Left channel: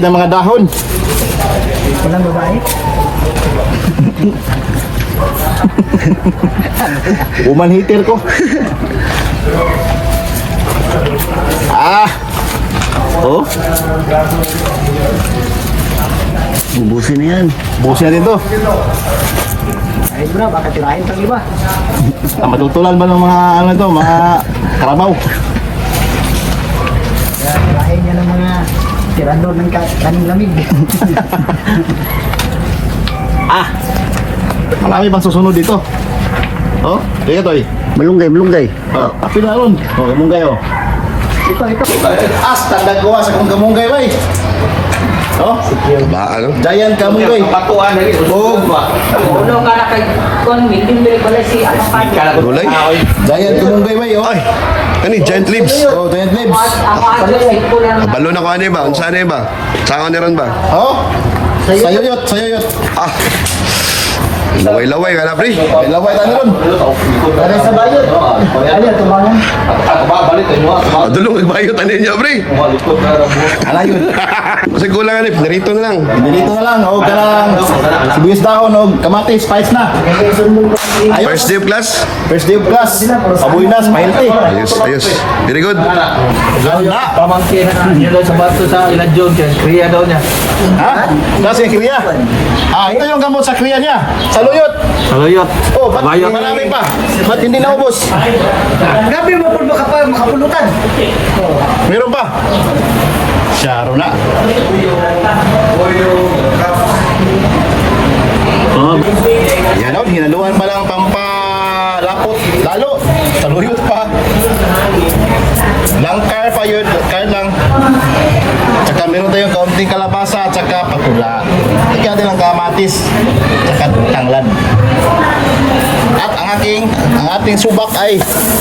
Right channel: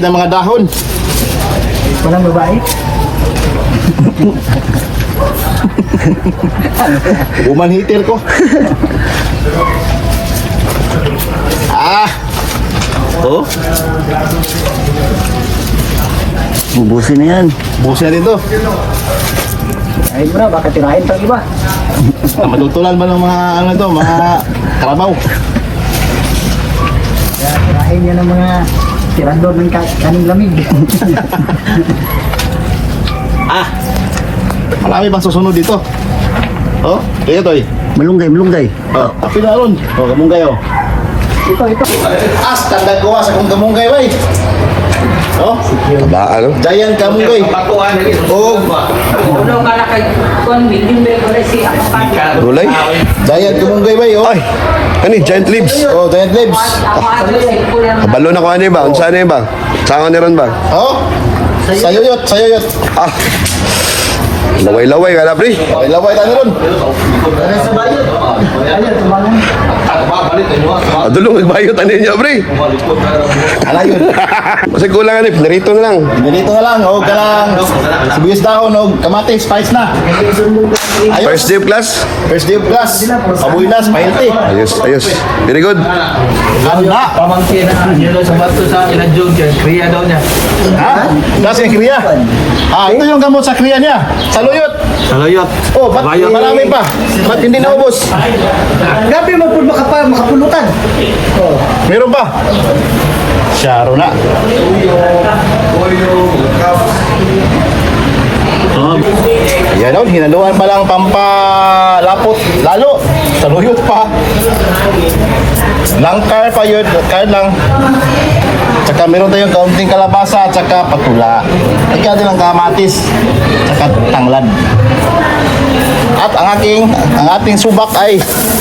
ng mga dahon. Walang babae. Woman hater ko. ah, Oh. Bubusin na yan. busin natin to. Ay bro, baka tirahin pang iba. Ah, Matutulan ba ng mga ano to, mga karabaw? Tirahin niya ng mga tirador ng ka- kaning lamig. Ah, marami pang susunod dito. Oh, kaya to eh. Malunggay, malunggay. Oh, api na ron. Oh, kamunggay oh. ito, ito. As, tandang gawa sa kong kamunggay bay. Oh, Ba, ano? giant kamunggay. Oh, Ulo ka na kay kon hindi mo pala si Gulay? giant kamunggay bay oh. Ay! Ano yun? Giant leaves? Oh, giant leaves. Kabalo na ko ano ba? Unsa ano ba? Saan ni ron ba? Oh, sayuyot, sayuyot. Ah! Laway-laway ka na, pre. May laway tayo ron. Ayun, tumalan. Adulong nagbayot ano niya, pre. Ala yun. Kasi kulang ano, pinarito na lang. Dito na lang, oh, kalang sibuyas dahon, oh, kamatis, spice na. Ayos. First day of class? First day of class. Pabuy na, healthy. Ayos, ayos. Very good. Ganda. pamangkin na yun daw sa bato sa inadjog kaya daw niya Ha? Kasi kriya. Ah, ito yung gamot sa kriya niya. Sa luyot. Saluyot Oh, ba't marami pa? Ba't hindi naubos? Grabe mo po makapa, makapulutan. Meron pa? Syaro na. Yan o, hinaluan pa lang pampalapot. Lalo, saluyot pa. Langkar pa yun, kar lang. Tsaka meron tayong kaunting kalabasa tsaka patula. Lagyan din ng kamatis. Tsaka tanglad. At ang aking, ang ating subak ay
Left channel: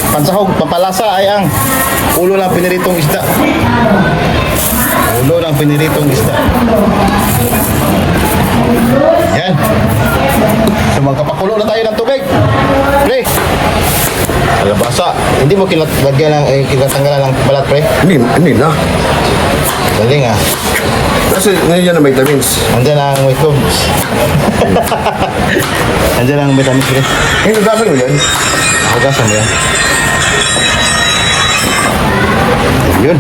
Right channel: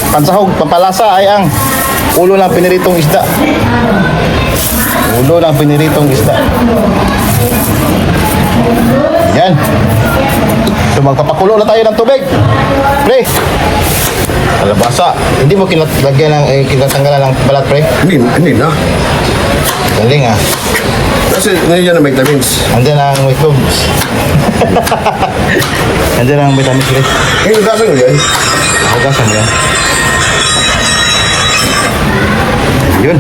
pansahog, pampalasa ay ang ulo ng piniritong isda. Ulo ng piniritong isda. Yan. So magpapakulo na tayo ng tubig. Pre. Kalabasa. Hindi mo kinalagyan ng eh, kinatanggalan ng balat, pre. Hindi, hindi na. Galing ah. Kasi nandiyan na vitamins. Andiyan ang mushrooms. Andiyan ang vitamins, pre. Yung nagdasan mo yan? Hugasan mo yan. Ayun.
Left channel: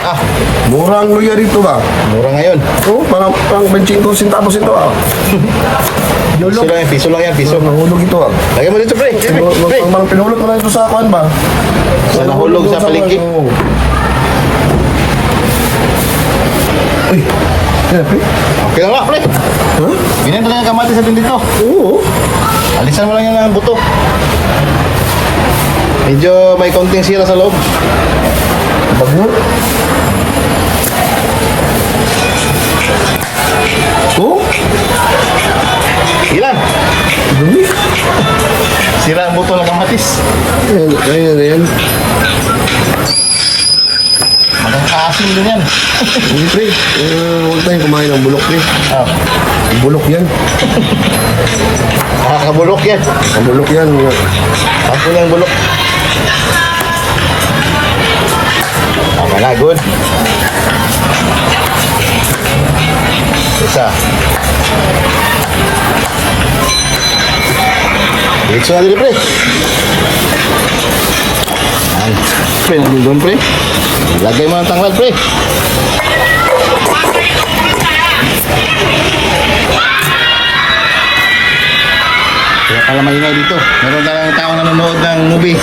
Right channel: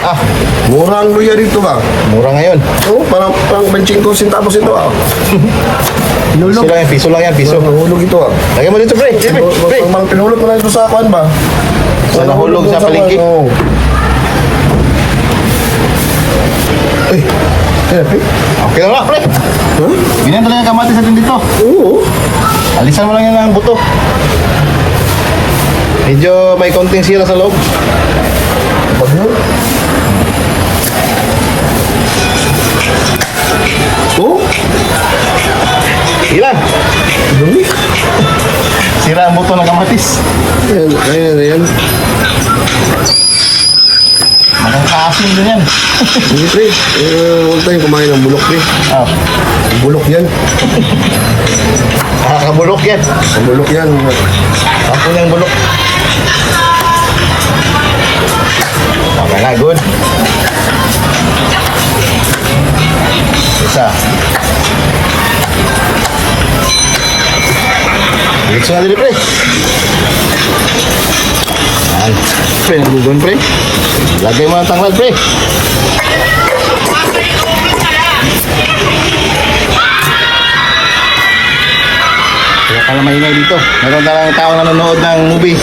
Ah, Mura ang luya dito ba? mura ngayon. Oo, parang, parang 25 centavos ito ah. Piso lang yan, piso lang yan, piso. Nahulog ito ah. Lagyan mo dito, pre. Pre, pre. Mang pinulot mo na ito sa akuan ba? Sa nahulog sa palengke. Oo. Uy, kaya pre? Okay nga, pre. Huh? Ganyan talaga kamatis natin dito. Oo. Alisan mo lang yan ng buto. Medyo may konting sira sa loob. Bago. Oo? Ilan? Dumi. Sira ang buto ng kamatis. Ayan, ayan, ayan. Magkakaasim din yan. Hindi pre, eh, huwag tayong kumain ng bulok pre. Ah, Bulok yan. makakabulok yan. Ang bulok yan. Sampo yung bulok. Tama na, good. Isa. Diretso na dito, pre. Yan. Pre, naglugon, pre. Lagay mo ng tanglad, pre. Kaya pala maingay dito. Meron talagang tao nanonood ng movie.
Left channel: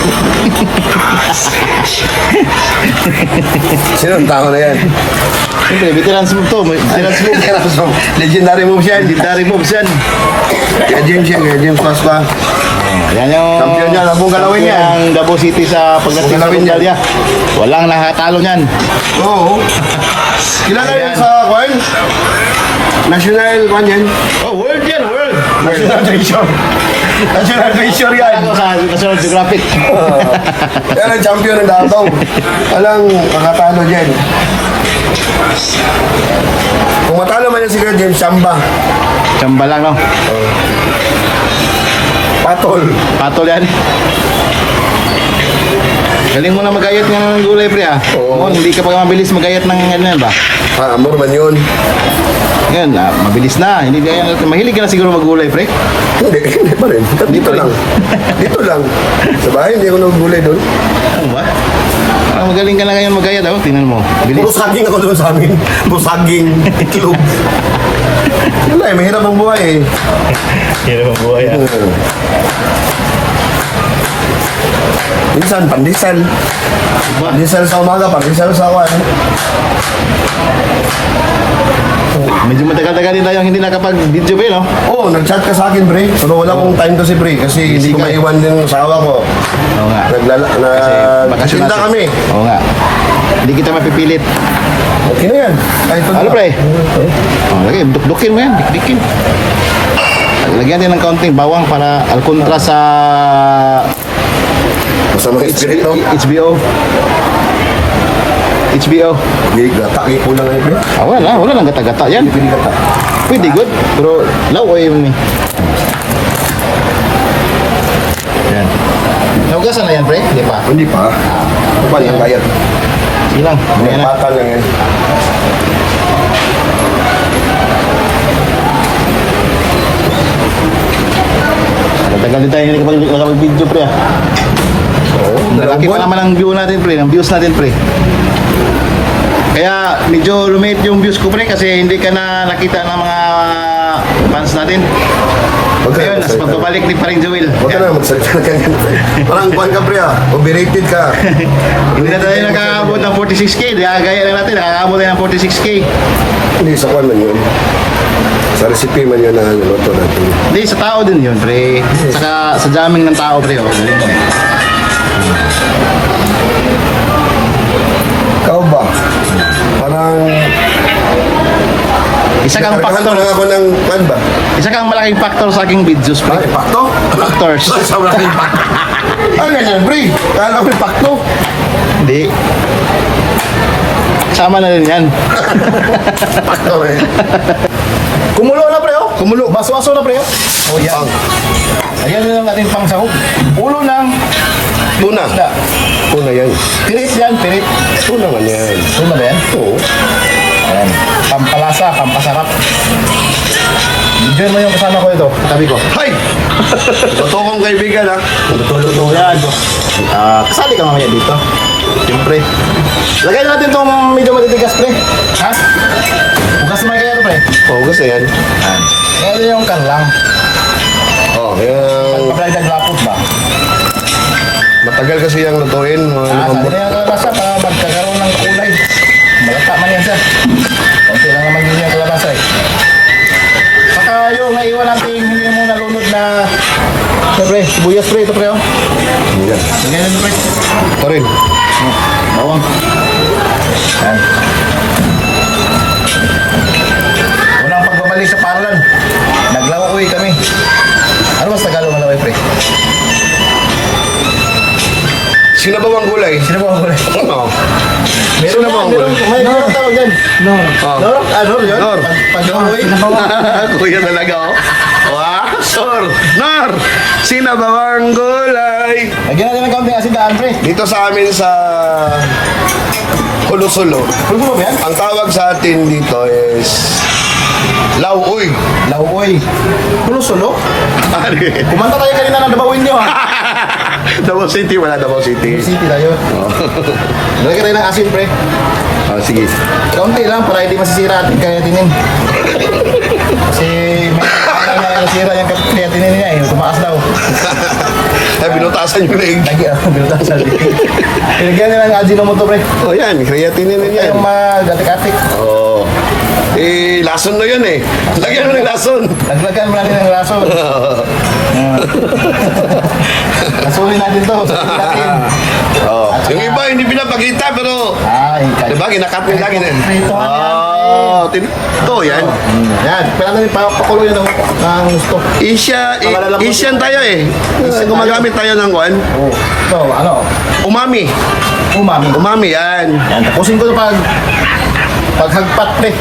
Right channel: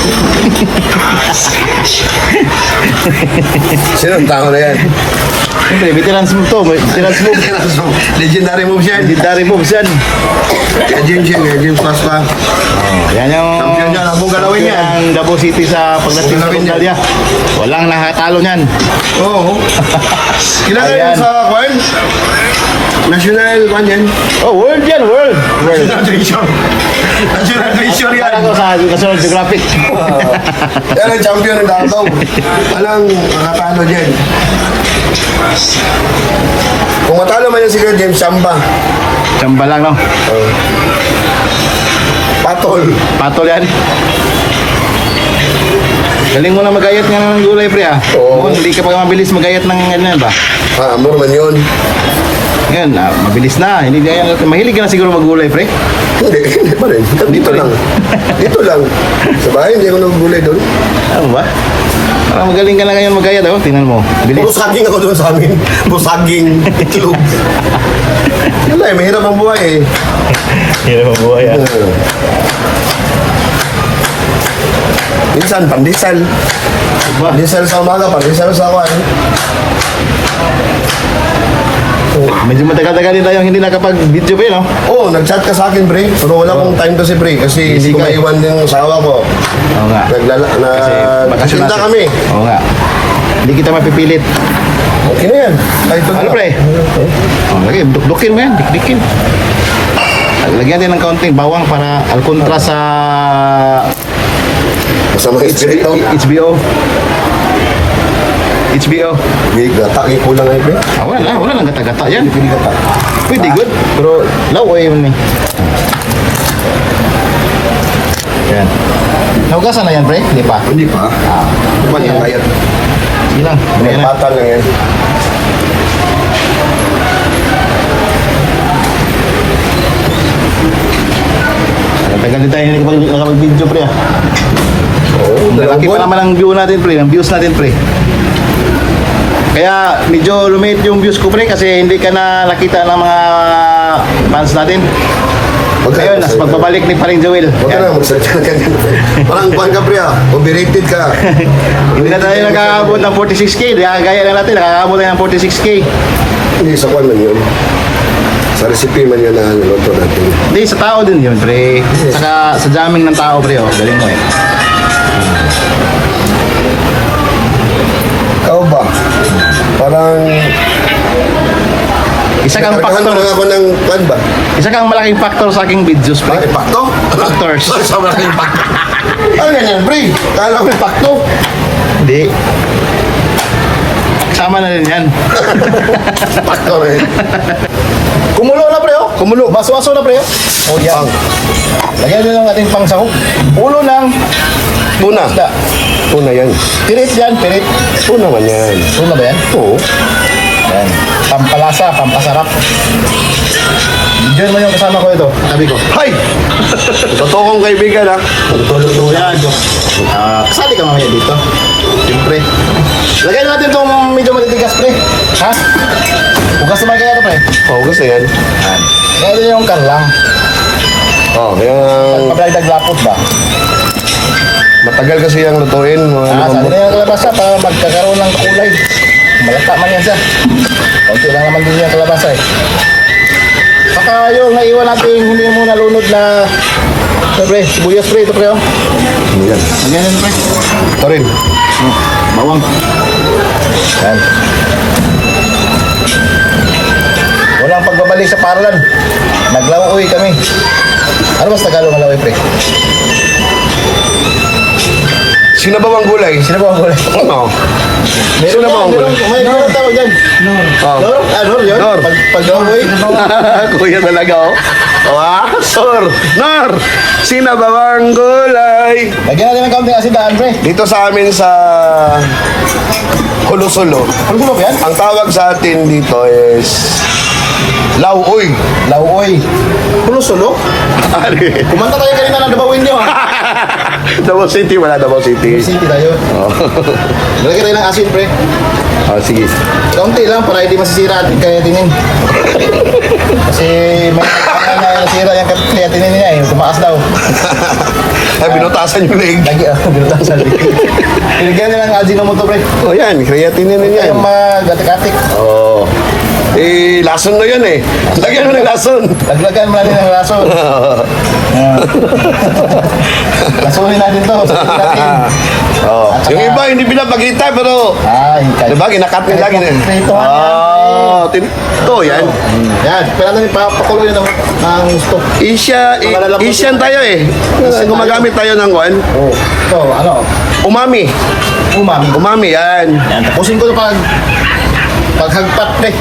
Sino ang tao na yan? Hindi, veterans move to. Veterans move. Legendary moves yan. Legendary moves yan. Kaya James yan, kaya James Pasqua. Yan yung... Champion yan, abong galawin yan. Ang Davao City sa pagdating sa Galawin yan. Walang nakatalo niyan. Oo. Ilan na Ayan. yan sa kwan? National kwan yan. Oh, world yan, world. National treasure. National treasure yan. Ako sa National Geographic. Yan ang champion ng Davao. Alang nakatalo dyan. Kung matalo man yan si Kuya James, samba. Tsamba lang, no? Patol. Patol yan. Galing mo na magayat nga ng gulay, pre, ah. Oo. Oh, hindi ka pa mabilis magayat ng ganyan ba? Ah, amor man yun. Yan, ah, mabilis na. Hindi gaya natin. Mahilig ka na siguro maggulay, pre. Hindi, hindi pa rin. Dito lang. Dito lang. Sa bahay, hindi ako nagulay doon. Ano ba? Parang magaling ka na ngayon magayat, oh. Tingnan mo. Puro Bilis. saging ako doon sa amin. Puro saging, itlog. Eh, mahirap ang buhay eh. Hirap ang buhay, ah. Oo. Minsan, pandesal. Pandesal sa umaga, pandesal sa awan. Medyo matagal-tagal din tayong hindi nakapag-video, pre, no? Oo, oh, nag-chat ka sa akin, pre. Pero wala kong time kasi, pre. Kasi hindi ko ka. maiwan din ang asawa ko. Oo nga. Naglala, na, bakasyon nagtinda natin. kami. Oo nga. Hindi kita mapipilit. Okay na yan. Kahit pag- Ano, pre? Oh, lagi, dukdukin mo yan, dikdikin. Lagyan din ng kaunting bawang para al kontra sa Masama yung espiritu. HBO. HBO. Hindi, gata, eh, kulang ngayon, pre. Ah, wala, wala lang gata-gata yan. Pili gata. Pwede good. Pero laway yun eh. Yan. Naugasan na yan, pre? Hindi pa. Hindi pa. Ah. Pa lang, bayad. Sige lang. Na. patal lang yan. Tagal din tayo hindi nakapag- nakapag-video, pre. ah. Oo, dalawang pa naman ang view natin, pre. Ang views natin, pre. Kaya medyo lumit yung views ko, pre, kasi hindi ka na nakita ng mga fans natin. Huwag ka Ngayon, na nas pagbabalik ni Paring Joel. Huwag ka na magsalita ka ganyan. Parang pre, ah. Overrated ka. Hindi na tayo nakakaabot ng 46k. Gaya na natin, nakakaabot tayo ng 46k. Hindi, sa kuhan man yun. Sa recipe man yun na niluto natin. Hindi, sa tao din yun, pre. Saka sa jamming ng tao, pre. Oh. Galing mo eh. Ikaw ba? Parang... Isa kang factor. pa lang ako ng kuhan ba? Isa kang malaking factor sa aking videos, Ah, pre. impacto? Factors. Sa malaking impacto. Ano yan, pre? Kala ko impacto. Hindi. Sama na rin yan. Impacto rin. Kumulo na, pre, oh. Kumulo. Baso-aso na, pre, oh. Oh, yan. Lagyan nyo ng ating pangsahog. Ulo ng Puna. isda. Puna yan. Pirit yan, pirit. Puna man yan. Ulo na ba yan? Oo. Ayan. Pampalasa, pampasarap. Diyan mo yung kasama ko ito. Tabi ko. Hay! Totoo kong kaibigan, ha? Tulog mo Yan. Ah, kasali ka mamaya dito. Siyempre. Lagyan natin itong medyo matitigas, pre. Ha? Bukas naman kaya ito, pre. Oo, gusto yan. Yan. Ngayon yung karlang. Oo, yung... Pablaydag lapot ba? Matagal kasi yung lutuin. Mga Ah, limang sabi na yung kalabasa para magkakaroon ng kulay. Malata man yan siya. Kunti lang naman din yung kalabasa eh. Saka yung naiwan natin hindi mo nalunod na Siyempre, sibuyas pre, ito pre oh. Yan. Lagyan nyo pre. Ito rin. Bawang. Yan. Walang pagbabalik sa paralan. Naglawoy kami. Ano mas Tagalog ng laway pre? Sino ba bang gulay? Sino ba ang kulay? Oo. Meron Sino ba ang meron, gulay? may meron tawag dyan. Oh. Nor? Ah, Nor yun? Nor. Pag, pag Norway. Kuya talaga, oh. Wow, sir. Ba bang gulay? Lagyan natin ng kaunting asin daan, pre. Dito sa amin sa Ulusulo, Pulbulo ba yan? ang tawag sa atin dito is Lauoy. Lauoy. Pulo-sulo? Kumanta tayo kanina ng Davao Indio, ha? Davao City, wala Davao City. City tayo. Oh. Lagyan tayo ng asin, pre. oh, sige. Kaunti lang para hindi masisira ating kayatinin. Kasi may kaya na nasira yung kayatinin niya eh. Tumaas daw. Ay, binutasan yung leg. Lagi ah, binutasan. Ilagyan nila ng Ajinomoto, pre. Oh, yan. Creatinine din yan. Yung mag-atik-atik. Oh. Eh, lason na yan eh. Lagyan mo ng lason. Laglagan mo natin ng laso. Ah. Lasunin natin to. Oh. At saka- Yung iba, hindi pinapakita, pero... Ay, kahit. Diba, ginakat nila. Prituhan yan. Oh, tin- ito, yan. Yan, pwede natin papakuloy ng, ng gusto. Isya, i- Malalambot yun. tayo eh. Gumagamit tayo ng kwan. Oh, so, ano, Umami. umami. Umami, yan. Yan, tapusin ko ito pag paghagpat, pre.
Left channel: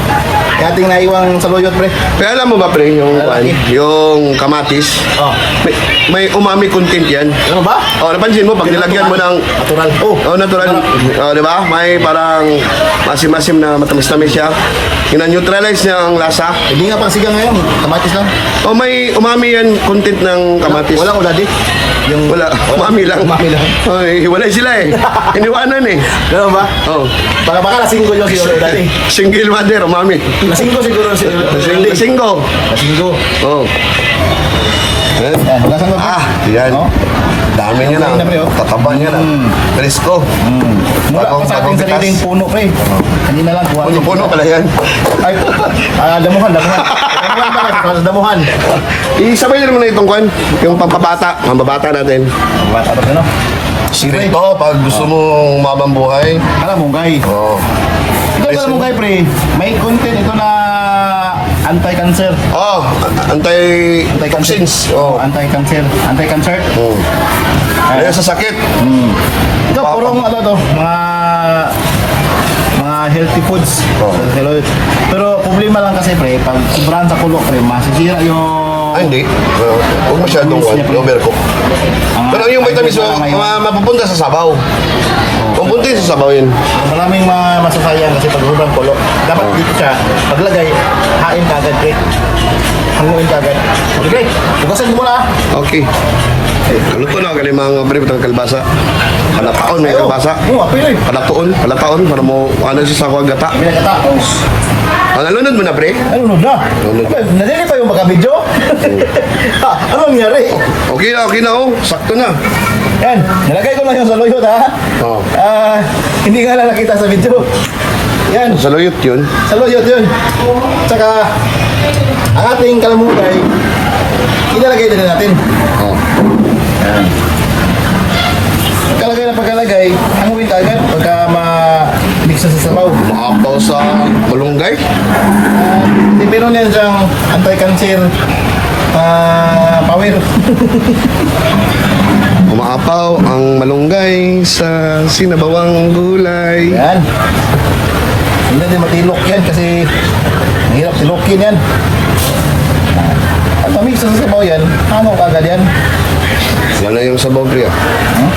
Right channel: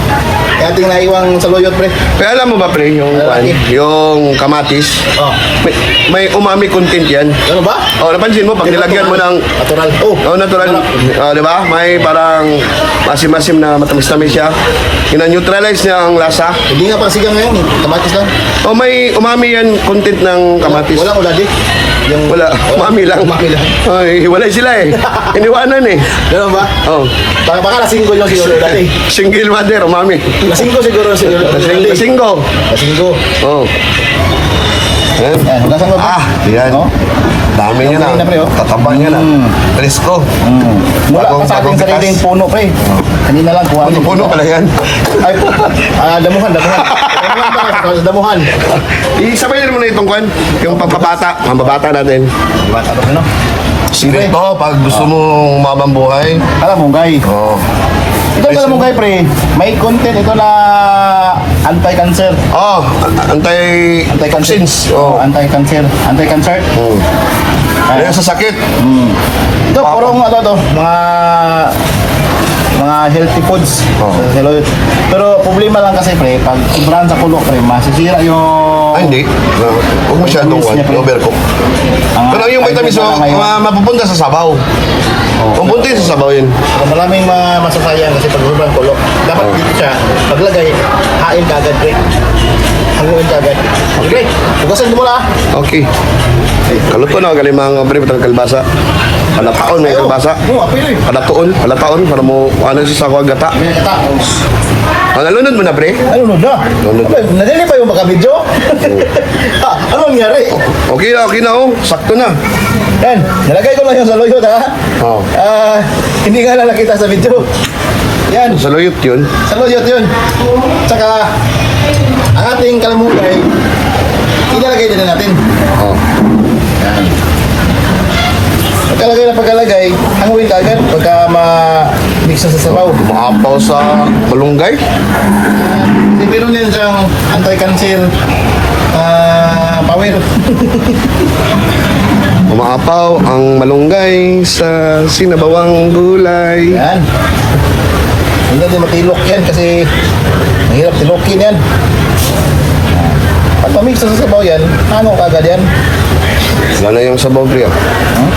Ating naiwang saluyot, pre. Kaya alam mo ba, pre, yung, Lalaki. yung kamatis, Oh. may, may umami content yan. Ano ba? Oh, napansin mo, pag nilagyan mo ng Natural. Oh. Oh, natural. Oh, di ba? May parang masim-masim na matamis-tamis siya. Ina-neutralize niya ang lasa. Hindi nga pang sigang ngayon. Kamatis lang. Oh, may umami yan content ng kamatis. Walang uladi. Yung Wala. Umami lang. Umami lang. Ay, hiwalay sila eh. Iniwanan eh. Ganun ba? Oh, Baka, baka lasinggo yung siguro uladi. single mother, umami. Lasinggo siguro si Lasing, uladi. lasinggo. Lasinggo. Oh. Eh, Yan, hugasan mo. Ah, yan. Oh. Dami niya na. pre, oh. Tataba niya na. Mm. Presko. Mm. Mula pa sa ating sariling puno, pre. Kanina lang kuha. Puno-puno pala yan. Ay, ah, damuhan, damuhan. damuhan pa kasi, damuhan. Isabay mo na itong kwan. Yung pampabata. Pampabata natin. Bata ba no? Pre, Ito, pag gusto mo umabang buhay. alam mo, guys. Oh. Ito alam mo, guys, pre. May content ito na anti-cancer. Oh, antay Anti-cancer. Oh, Oh. anti-cancer. Anti-cancer. Oh. Kaya sa sakit. Hmm. Ito, purong ano to, mga mga healthy foods. Oh. Hello. Pero problema lang kasi pre, pag sobrahan sa kulo pre, masisira yung Ay, hindi. Uh, Huwag masyadong niya, pre. Overcook. ang- Pero yung vitamins mo, ang- mga mapupunta sa sabaw. Pupunta sa sabaw yun. Maraming mga masasayang kasi pag sobrang kulo. Dapat dito siya, paglagay, hain ka agad pre. Hanguin ka agad. Okay, hugasan mo muna. ah. Okay. Kaluto na mga pre patang kalbasa. Palataon may. Oo, eh. Palataon, palataon para mo ano sa sa gata. Kata. Oh. Ang nalunod mo na pre. Nun na? Lunod. Abay, Nadali pa yung makabidyo? ha, ano nangyari? Okay na, okay na oh. Sakto na. Yan, nalagay ko lang yung sa loyot ha. Oh. Ah, hindi nga lang nakita sa video. Yan, Sa loyot yun. sa loyot yun. Tsaka, ang ating kalamulay, ilalagay din natin. Oh. Yan. Pagkalagay na pagkalagay, hanguin agad pagka ma-mix sa sabaw. Maapaw sa balunggay. Meron yan siyang anti-cancer ah, power. Umaapaw ang malunggay sa sinabawang gulay. Yan. Hindi din matilok yan kasi mahirap tilokin yan. Pag mamix sa sabaw yan, ano kagad yan? Wala yung sabaw pre. ah. Huh?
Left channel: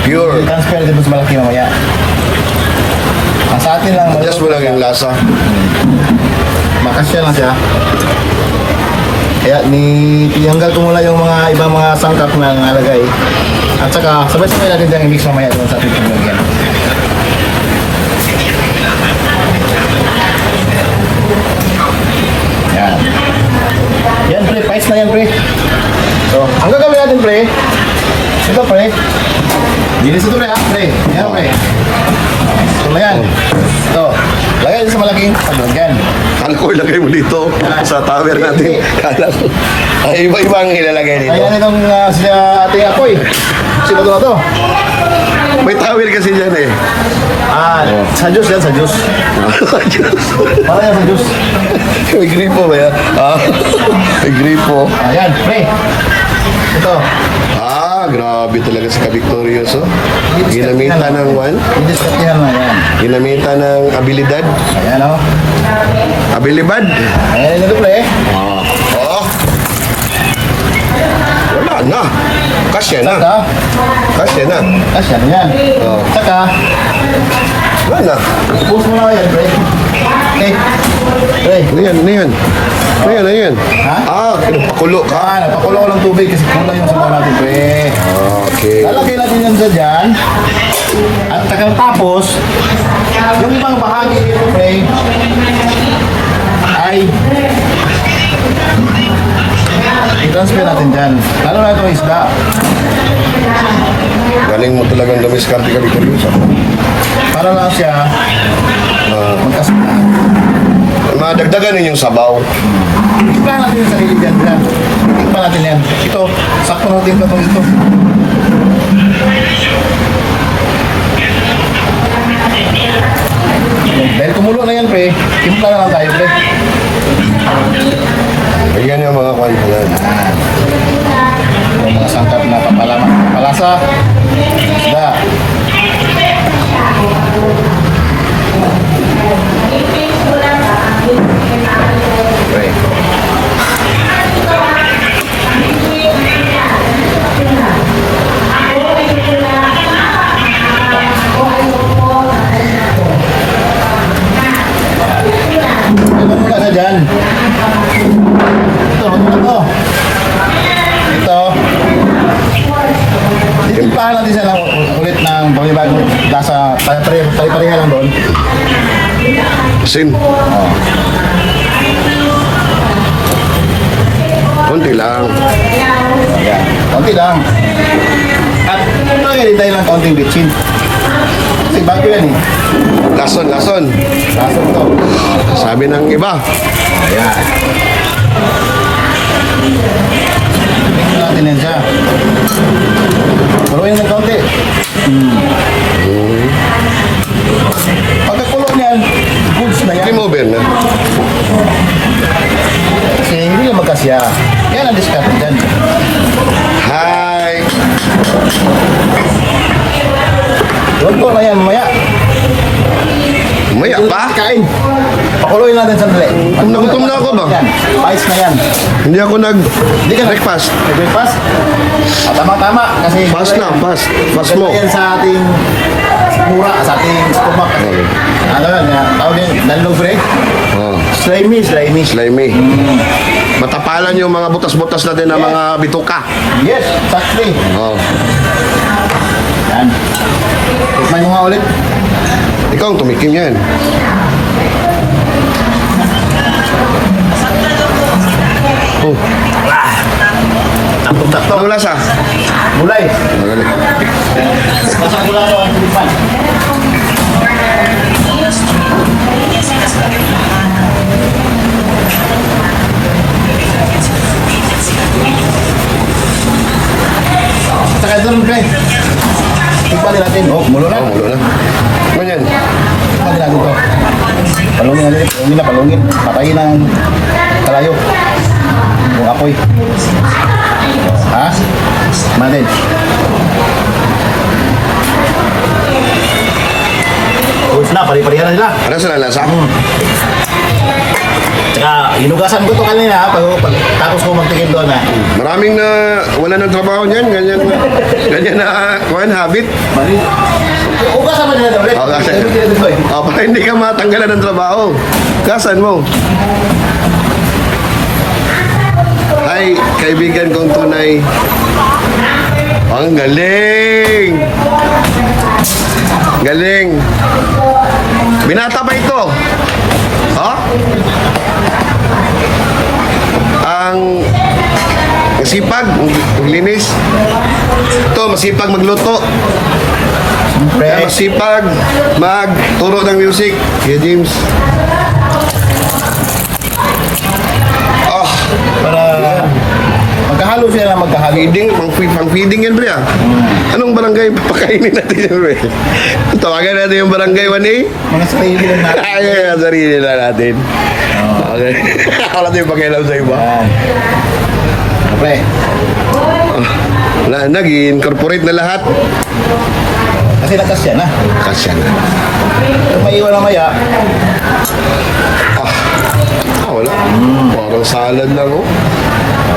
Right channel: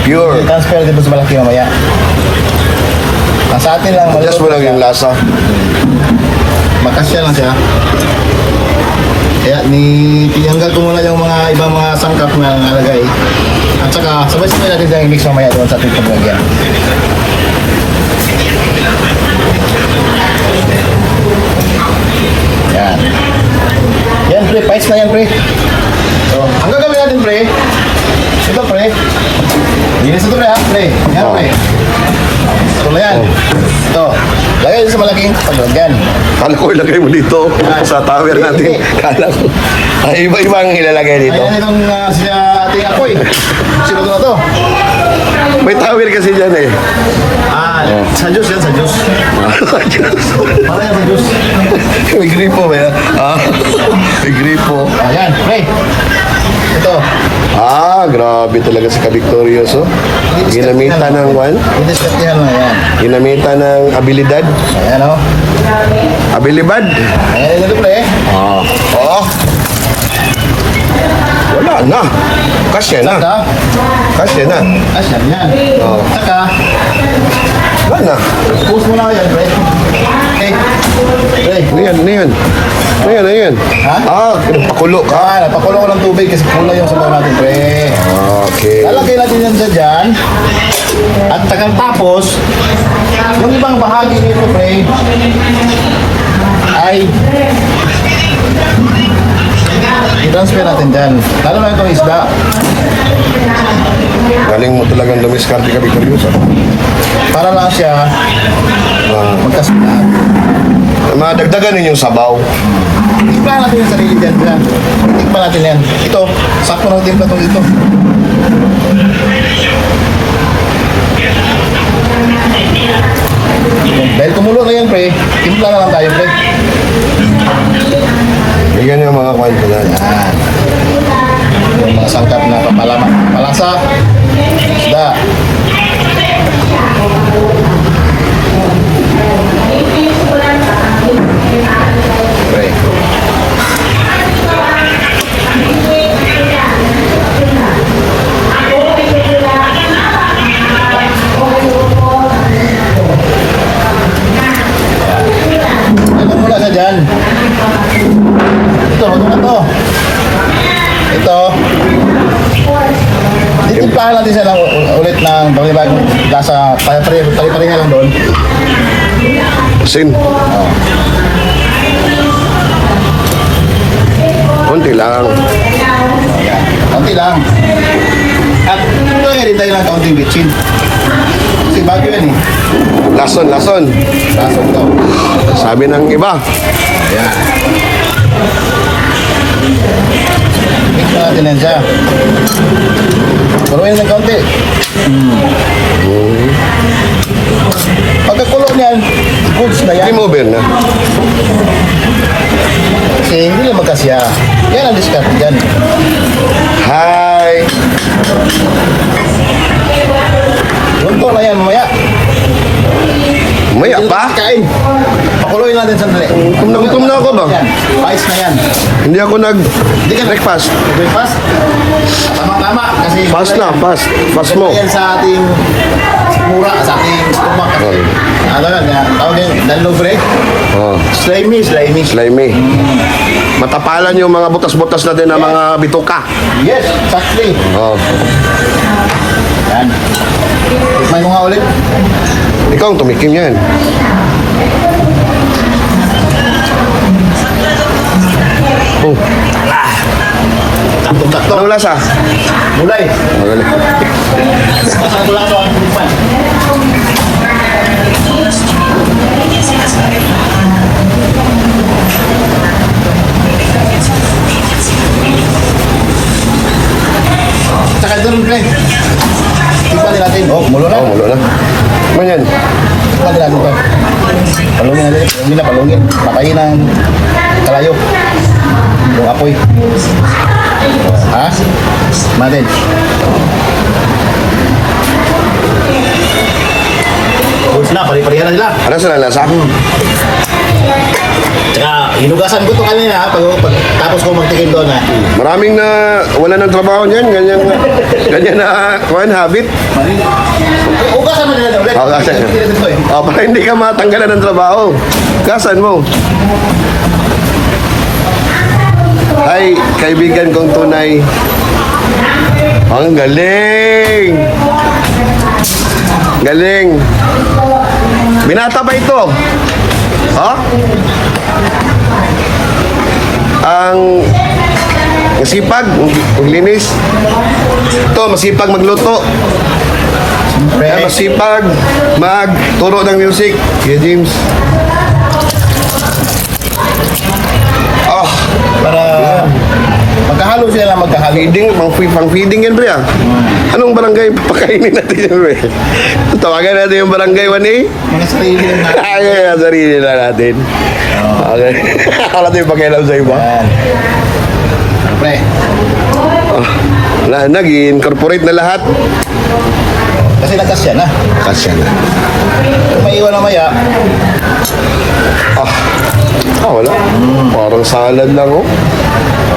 Pure. Transfer dito sa malaki mamaya. Ang sa atin lang, Adjust mo lang yung lasa. makasya lang siya. Kaya ni tinanggal ko muna yung mga ibang mga sangkap na nalagay. At saka sabay-sabay natin dyan i-mix mamaya doon sa ating paglagyan. Pais na yan pre. So, ang gagawin natin pre, ito pre, linis ito pre ha, pre. Yan pre. Ito na yan. Ito, lagay ito sa malaking paglagyan. Kala ko ilagay mo dito sa tower natin. Kala ko. Ay, iba-ibang ilalagay dito. Ayan itong uh, si uh, ating ako eh. Sino na to? May tower kasi dyan eh. Ah, sa Diyos yan, sa Diyos. Oh, yan, sa Diyos. May gripo ba yan? Ah, may gripo. Ayan, pre. Ito. Ah, grabe talaga si Ka-Victorious, oh. Ginamita ng one, Didiskatihan na yan. ginamita ng abilidad. Ayan o. Abilibad. Ayan ito pre. Ah. Oh. Wala na. Kasya na. Kasya na. asyan yan. Oh. Saka, Wala post mo na yan, pre. Yan? Ano yan? Ano yan? Ha? Ah, pakulo ka. Ah, napakulo ko ng tubig kasi pula yung sabaw natin, pre. Okay. Lalagay natin yan sa dyan. At tagal tapos, yung ibang bahagi nito, pre, ay i-transfer natin dyan. Lalo na itong isda. Galing mo talagang lumiskarte ka, Victorious, ah. Para lang siya Ah, magkasulat. madagdagan ninyong sabaw. Tikman natin yung sarili dyan dyan. Tikman natin yan. Ito, sakto na timpla itong ito. Dahil kumulo na yan, pre, timpla na lang tayo, pre. Ayan yung mga kwento na. Yan. Yung mga sangkap na papalama, palasa, nasa pare-pareha pare-pareha lang doon. Sin. Oh. Konti lang. Ayan. Konti lang. At lagyan din tayo ng kaunting bitchin. Kasi bago yan eh. Lason, lason. Lasok to. Sabi ng iba. Ayan. Yan siya. Kuruin ng kaunti. Hmm. Pagkakulo niyan, goods na yan. Game over na. Kasi hindi na magkasya. Yan ang discount dyan. Hi. Luto na yan mamaya. Maya pa? Kain. Pakuloyin natin sandali. Gutom na gutom na ako ba? Yan. Pais na yan. Hindi ako Hindi ka na- nag-breakfast. Breakfast? Tama-tama. Kasi Fast na, fast. Fast mo. Yan sa ating mura, sa ating stomach. Okay. Ano yan? yan. Tawag yan, danlog break. Oh, Slimy, slimy. slimy. Matapalan yung mga butas-butas natin ng mga bituka. Yes, exactly. Oh. Yan. Mo nga ulit. Ikaw ang tumikim yan. Oh, Takto-takto. anong lasa? Mulay. Magaling. Lang ito ang tikman. Saka doon. Tikman din natin. Oh, mulo na. Oh, mulo na. Ganyan. Tikman din natin to. Palungin natin. Palungin na, palungin. Patayin ng kalayo. Yung apoy. Ha? Natin. Uwis na, pari-parihan na nila. Ano sa lasa? Tsaka, hinugasan ko to kanina pag, pag, tapos ko magtikim doon ha. Maraming na wala ng trabaho niyan. Ganyan na, ganyan na, kuhan, habit. Hugasan mo nila na ulit. Ito. Oh, para hindi ka matanggalan ng trabaho. Kasan mo? Ay, kaibigan kong tunay. Ang galing! Galing! Binata pa ito. Ha? Ang masipag, maglinis. Ito, masipag magluto. Kaya masipag magturo ng music. Kuya James. Oh, Para magkahalo sila na magkahalo. feeding, pang, pang feeding yan, pre ah. Anong barangay papakainin natin yan, pre? Tawagan natin yung barangay 1A. Mga sarili lang natin. Ay, sarili na natin. Okay. Wala tayong pakialam sa iba. Yan. Siyempre, Ah, wala, nag-incorporate na lahat. kasi nagkasya na. Kasya na. Kung may iwan mamaya, Ah, ah wala. Parang salad lang, oh.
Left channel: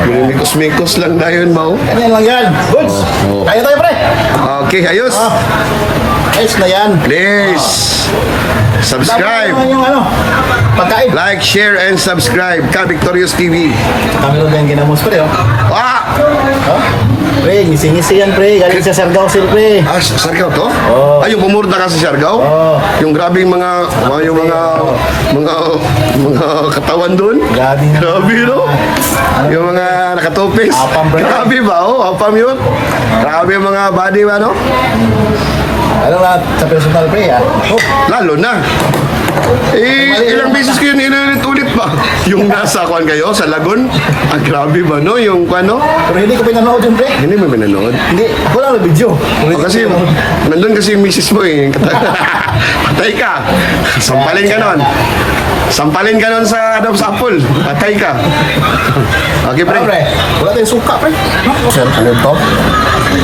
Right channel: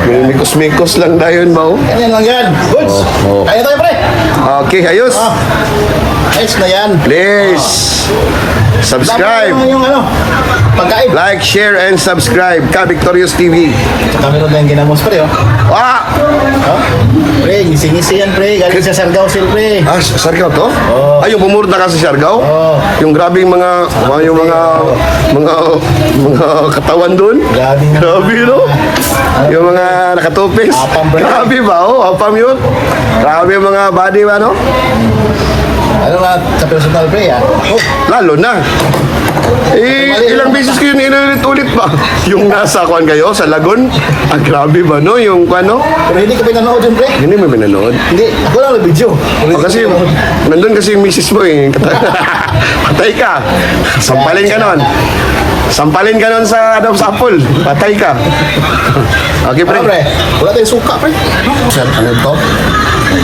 Minimikos-mikos lang na yun, ba, oh. ganyan lang yan. Good. Oh, oh. Kaya tayo pre. Okay, ayos. Ah, ayos na yan. Please, Dapat subscribe. yung ano, pagkain. Like, share, and subscribe. Ka Victorious TV. Kami rin yung ginamos pre, oh. Ah! Ha? Pre, ngisi-ngisi yan pre. Galing sa Sargao Sil pre. Ah, Siargao to? Oo. Ay, yung pumurta ka sa Siargao? Oo. Yung grabing mga, mga yung mga, mga, mga katawan doon? Grabe nga. Grabe, no? Yung mga nakatupis. Apam yun? Grabe ba? Oh, apam yun. Grabe yung mga body ba, no? Ano nga, sa personal pre, ha? Oh, Lalo na. Eh, ilang beses ko yun inulit-ulit pa. Yung nasa kwan kayo, sa Lagun. Ang grabe ba, no? Yung kwan, no? pero hindi ko pinanood yun pre. Hindi mo pinanood. Hindi, ako lang na video. O kasi, nandun kasi yung misis mo eh. Patay ka. Sampalin ka nun. Sampalin ka nun sa Adam's Apple. Patay ka. Okay, pre. Ano pre? Wala tayong suka pre. Sir, ano ito?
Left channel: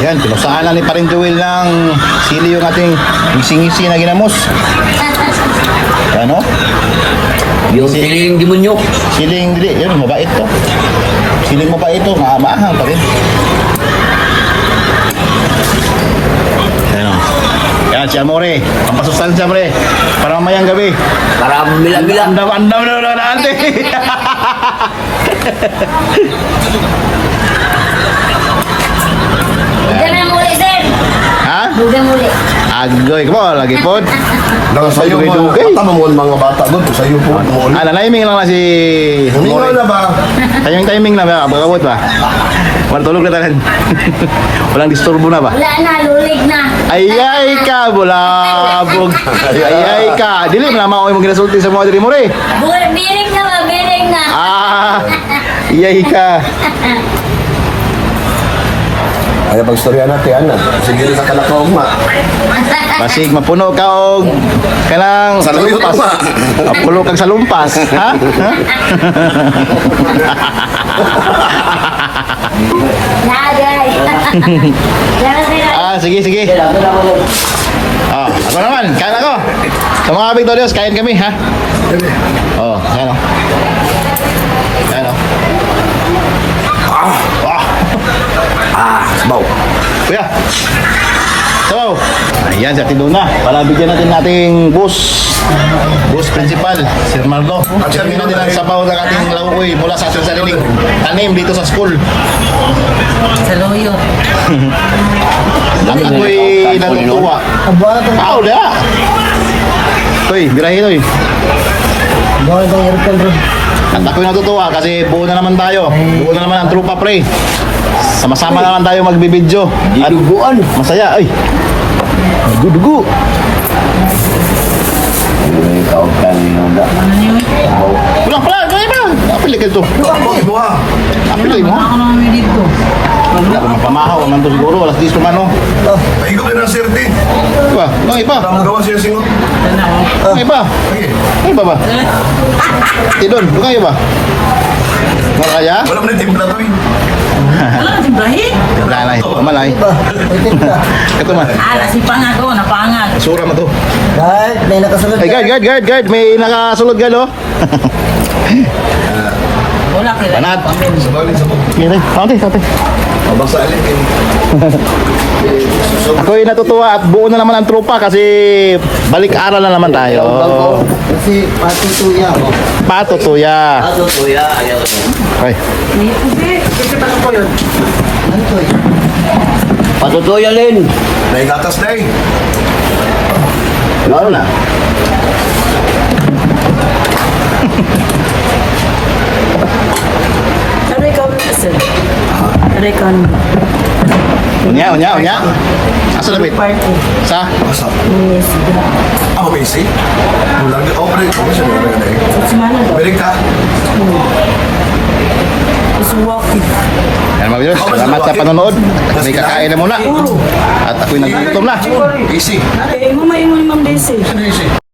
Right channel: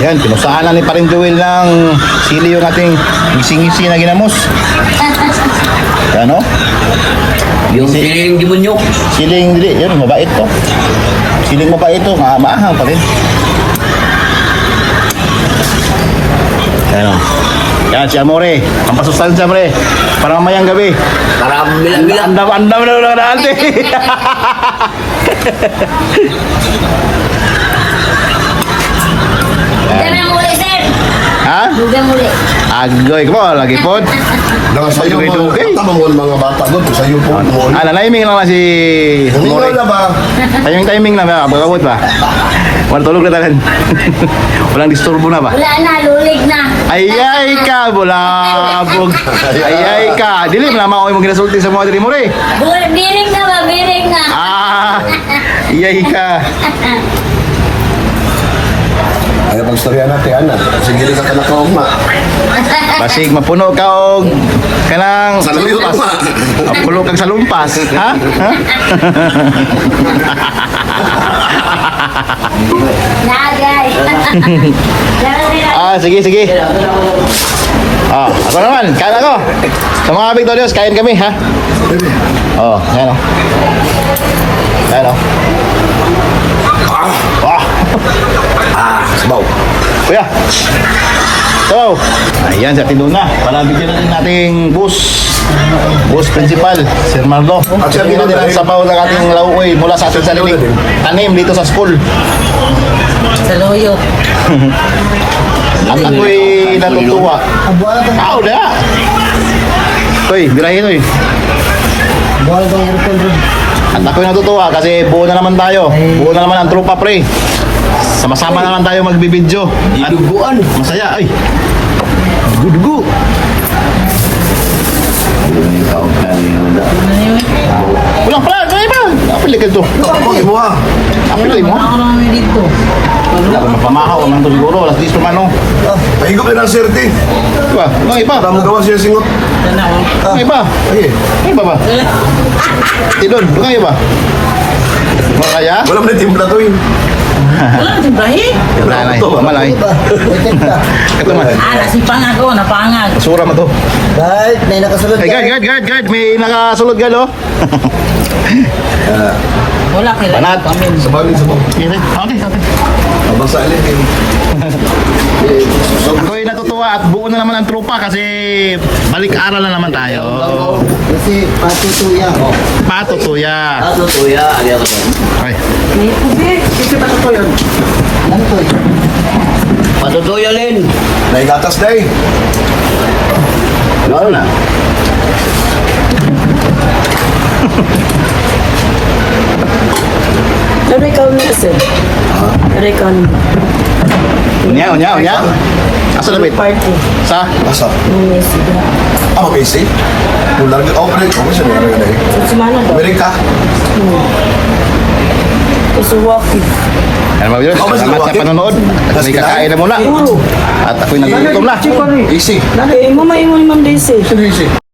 Yan, pinusaan na ni Parin Joel ng sili yung ating ngisi-ngisi na ginamos. Ano? Yung siling demonyo. Siling dili, yun, mabait to. Siling mabait to, ma maahang pa rin. Ano? Yan, si Amore. Pampasustansya, pre. Para mamayang gabi. Para andam-andam na na natin. Dami ang muli, sir. Ha? Dugang muli. Agoy ko, lagi po. Nang sa'yo mga, mo ang mga bata doon, sa'yo po. mo. Ah, naniming lang na si Humingaw na ba? Timing timing na ba? Pagkabot ba? Walang tulog na tanan. Walang disturbo na ba? Wala na, lulig na. Ayay ka, bulabog. Ayay ka. Dili mo naman ako yung ginasulti sa mga diri mo rin. Biring na ba? Biring na. Ah, ayay ka. Ay, pag-istorya natin, ano? Sige rin ka kalakaugma. Basig mapuno ka og kanang Sa lumpas. lumpa. Mapuno kang sa lumpas, ha? Ha? Na. Ah, sige, sige. Ah, ako naman, kain ako. Sa mga Victorious, kain kami, ha? Oh, yan o. Yan o. Ah, ah. Ah, sabaw. Kuya. Sabaw. Ayan, sa na. Para bigyan natin nating bus. Bus principal, Sir Marlo. Tingnan natin ang sabaw ng ating lauoy mula sa ating sariling tanim dito sa school. Saluyo. At ako'y natutuwa. Tao na. Toy, birahin toy. Bawal bang aircon bro? At ako'y natutuwa kasi buo na naman tayo. Buo na naman ang trupa pre. Sama-sama naman tayo magbibidyo. At buuan. Masaya. Ay. Dugo-dugo. Pulang pala. Kaya ba? Apil ka to. Ay, buha. Apil mo. Ako naman dito. Wala pa mapamahaw. Nandun siguro. Alas 10 tumano. Ikaw ay ng sirti. Diba? Ano iba? Tama gawa siya singot. Ano iba? Sige. Ano iba ba? Tidon. Ano iba? Makaya? Wala mo na timpla to eh. Wala, timbahin. Tipla na eh. Kamalay. Kato man. Ah, nasipang ako, napangag. Sura mo to. Right, may nakasunod Ay, guard, guard, guard, guard. May nakasulod ka, no? Banat. Mga. Okay, okay, eh. Ako'y natutuwa at buo na naman ang trupa kasi balik-aral na naman tayo. Kasi patutuya. Patutuya. Patutuya, ayaw ko. Ay. Ano? Patutuya Lin. May gatas na eh. lalo na. Ano na sir? Ano ikaw na? Unya, unya, unya. Asa na wait? Party. Sa? Asa? Yes. Ako busy. Kung lagi, oh, pwede. Ako siya na rin eh. Si Mana daw. Pwede ka. Gusto walking. Yan mga viewers, salamat sa panonood. At may kakain na muna. At ako'y nagugutom na. Easy. Eh, mamaingon din sir. Easy.